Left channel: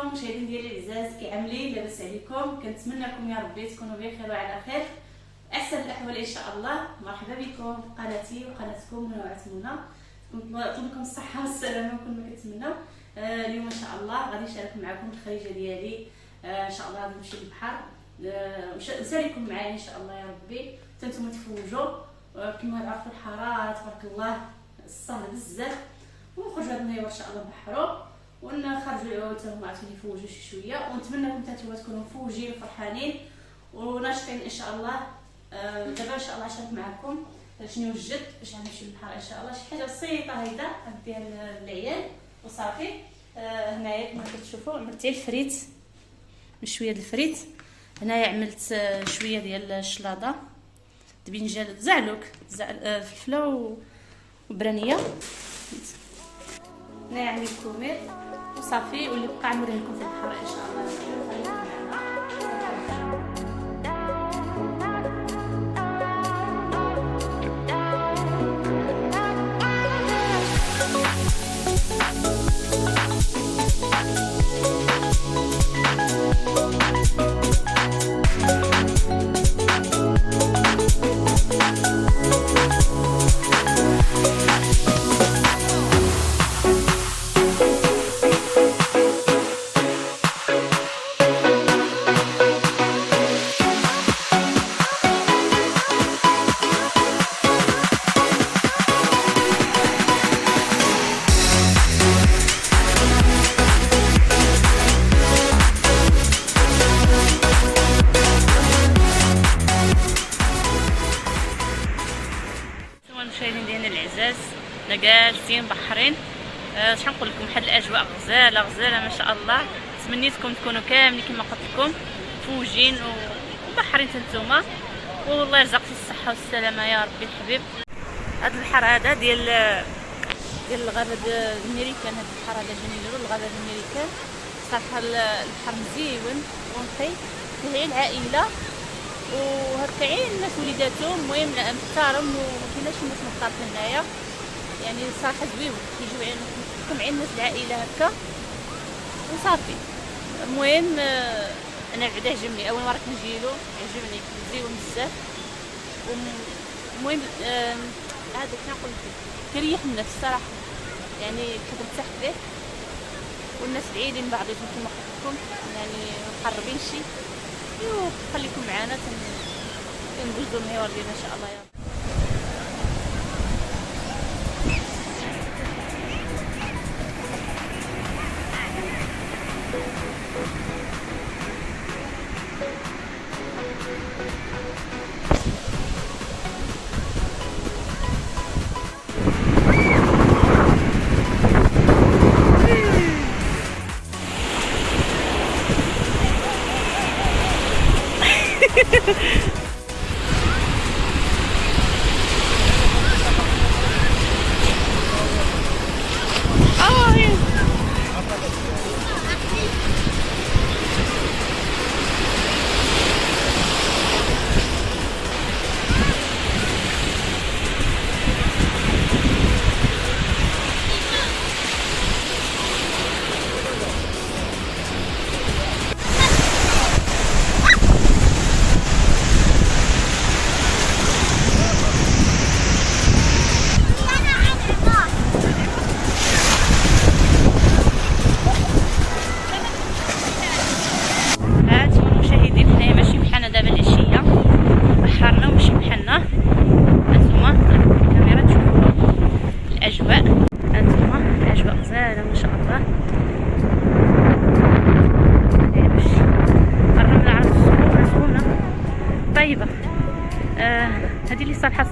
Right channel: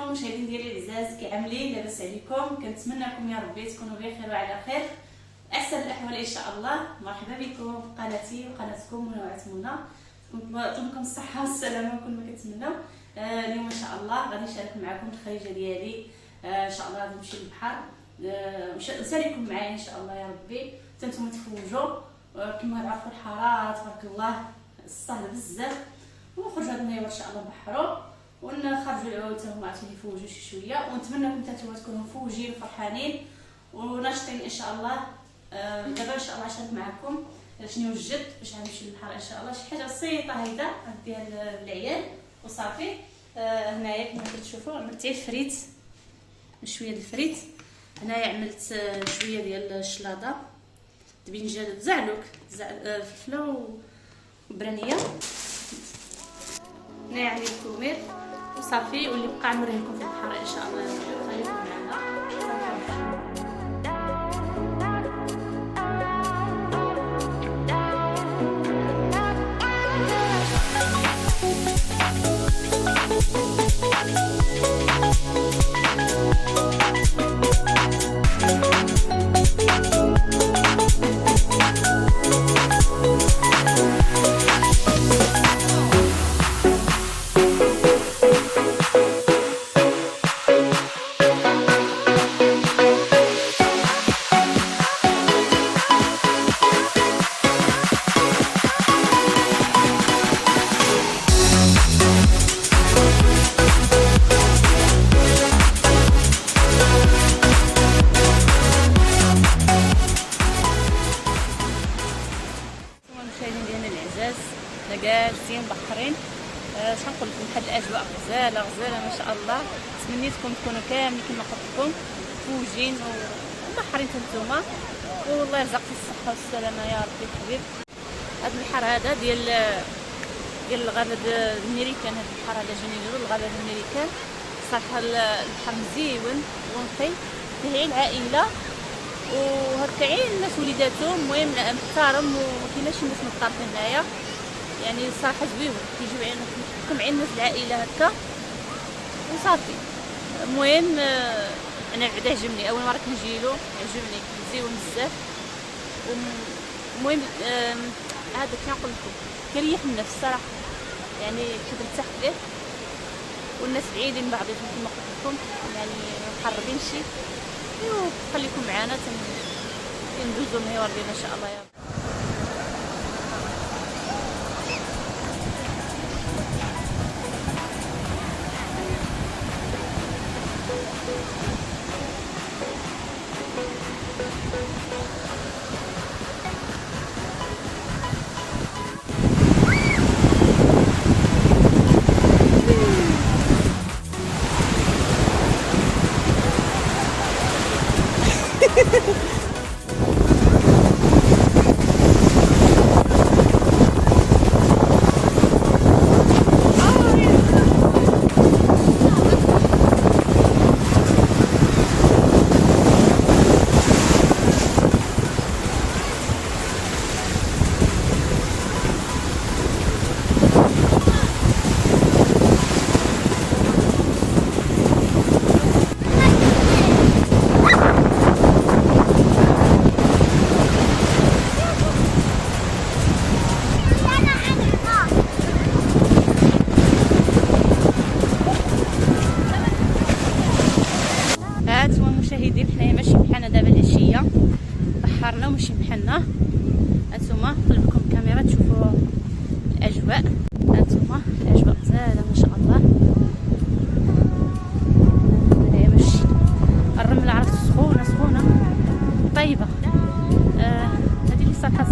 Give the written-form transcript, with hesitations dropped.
عليكم مشاهدين ديالي العزاز، كي عاملين؟ لاباس عليكم؟ كنتمنىكم يا ربي تكونوا بخير وعلى خير، احسن الاحوال ان شاء الله. مرحبا بكم في قناتي وقناتكم منوعات منى. نطلب لكم الصحه والسلامه كل ما كتمنوا. اليوم ان شاء الله غادي نشارك معكم الخريجه ديالي. ان شاء الله غادي نمشي للبحر، نساليكم معايا ان شاء الله يا ربي حتى نتوما تفوجوا. كما تعرفوا الحراره تبارك الله الصهد بزاف، ونخرجوا هاد النهار ان شاء الله نبحروا ونخرجوا حتى هما عاوتاني يفوجوا شي شويه، ونتمنىكم حتى نتوما تكونوا مفوجين وفرحانين وناشطين ان شاء الله. دابا ان شاء الله نشارك معكم شنو وجدت باش غنمشي للبحر ان شاء الله. شي حاجه بسيطه هيدا نديها للعيال وصافي. هنايا كما كتشوفوا عملت الفريت بشويه ديال الفريت. هنايا عملت شويه ديال الشلاضه، الدبنجان، زعلوك فلفله وبرانيه. هنايا عندي الكومير وصافي، واللي بقى نوريه لكم في البحر ان شاء الله. خليكم معنا. المشاهدين ديالنا العزاز، جالسين بحرين. اش نقول لكم، واحد الاجواء غزاله ما شاء الله. تمنيتكم تكونوا كاملين كما قلت لكم فوجين وبحرين نتوما، والله يرزقكم الصحه والسلامه يا ربي الحبيب. هذا البحر هذا ديال الغابه الامريكان، هذا البحر هذا جاني نديرو الغابه الامريكان. صراحه البحر مزيون ونقي، فيه العائله وهكا عين الناس وليداتهم، المهم محترم ومكايناش الناس مطارفين هنايا، يعني صراحه زويون كيجيو عندكم عين الناس العائله هكا وصافي. المهم انا بعدا عجبني، اول مره كنجيلو عجبني مزيون بزاف. المهم هذا كنقول لكم كيريح النفس صراحه، يعني كترتاح فيه، والناس بعيدين بعضهم كما قلت لكم، يعني مقربين شي. خليكم معنا ندوزو المهيور ديالنا ان شاء الله يا رب. حنايا ماشي بحالنا دابا العشيه، بحرنا ومشي بحالنا. هانتوما الكاميرا تشوفوا الاجواء، هانتوما الاجواء غزاله ما شاء الله. هنايا باش الرمله عرفت سخونه طيبه. هذه اللي صراحه